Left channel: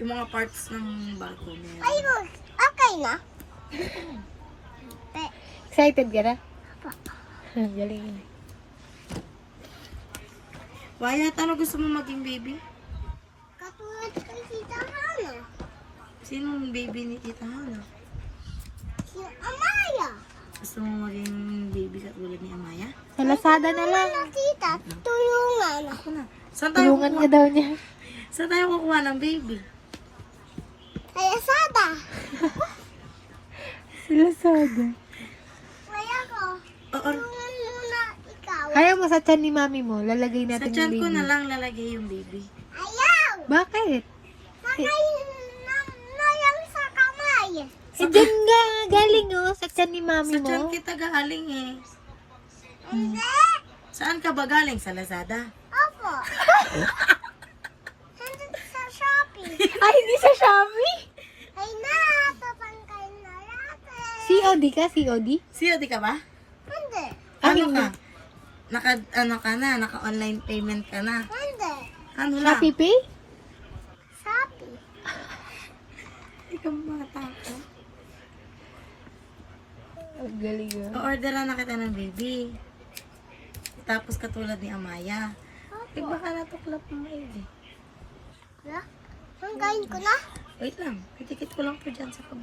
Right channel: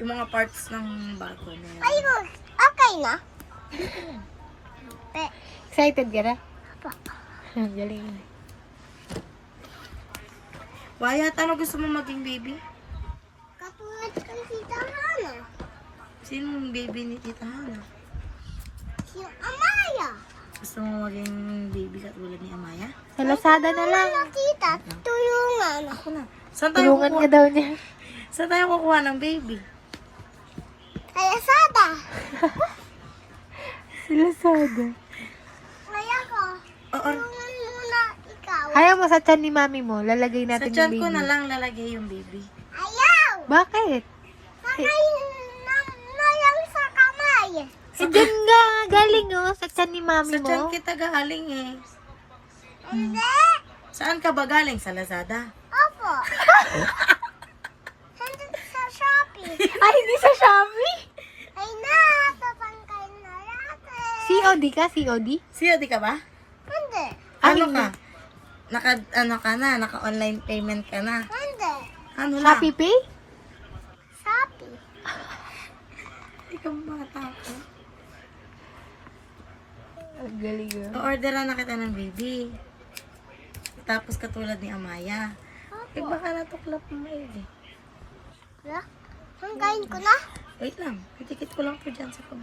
yung mga parts ng bago na yan. Ay, okay na? Excited ka na? Pa. Galing. Wyatt, ano gusto mo maging baby? Katulad kay Tita Hana. Sinong baby ni Tita Hana? Si Amaya. Gusto mo maging baby katulad ni Amaya? Sa Lazada na lang. Ano, tita? Tulungan. Ako na. Saan tayo Tulungan ka kukuha? daw niya. Saan tayo kukuha ng baby? Kaya Sada. Sa Lazada. Kaya ko. Oo. Tulungan muna ikaw. Ayaw mo sa tiyan ni mami mo, lalagay Sa natin tiyan yung ko baby. na lang lalagay yung baby. Ayaw. Bakit? Sakay na lang sa kamay. Eh, dyan nga, galing oh, sa tiyan ni mami Sa tiyan mo. kita galing eh. Hindi. Saan ka ba galing? Sa Lazada? Opo. Hindi sa Shopee. Ay, hindi sa Shopee. Ay na, papangkay na natin. COD ka, COD? COD ka ba? Hindi. Ano ka? Naka-online payment ka na. Hindi. Ano na? Shopee Pay? Shopee. Ikaw bata ko. Ang galing oh. O-orderan na kita ng baby. Tapos katulad ni Amaya. Eh baka natuklap mo maigi. Wala. Hanggain ko na. Wait lang. Itikit ko lang po dyan sa pag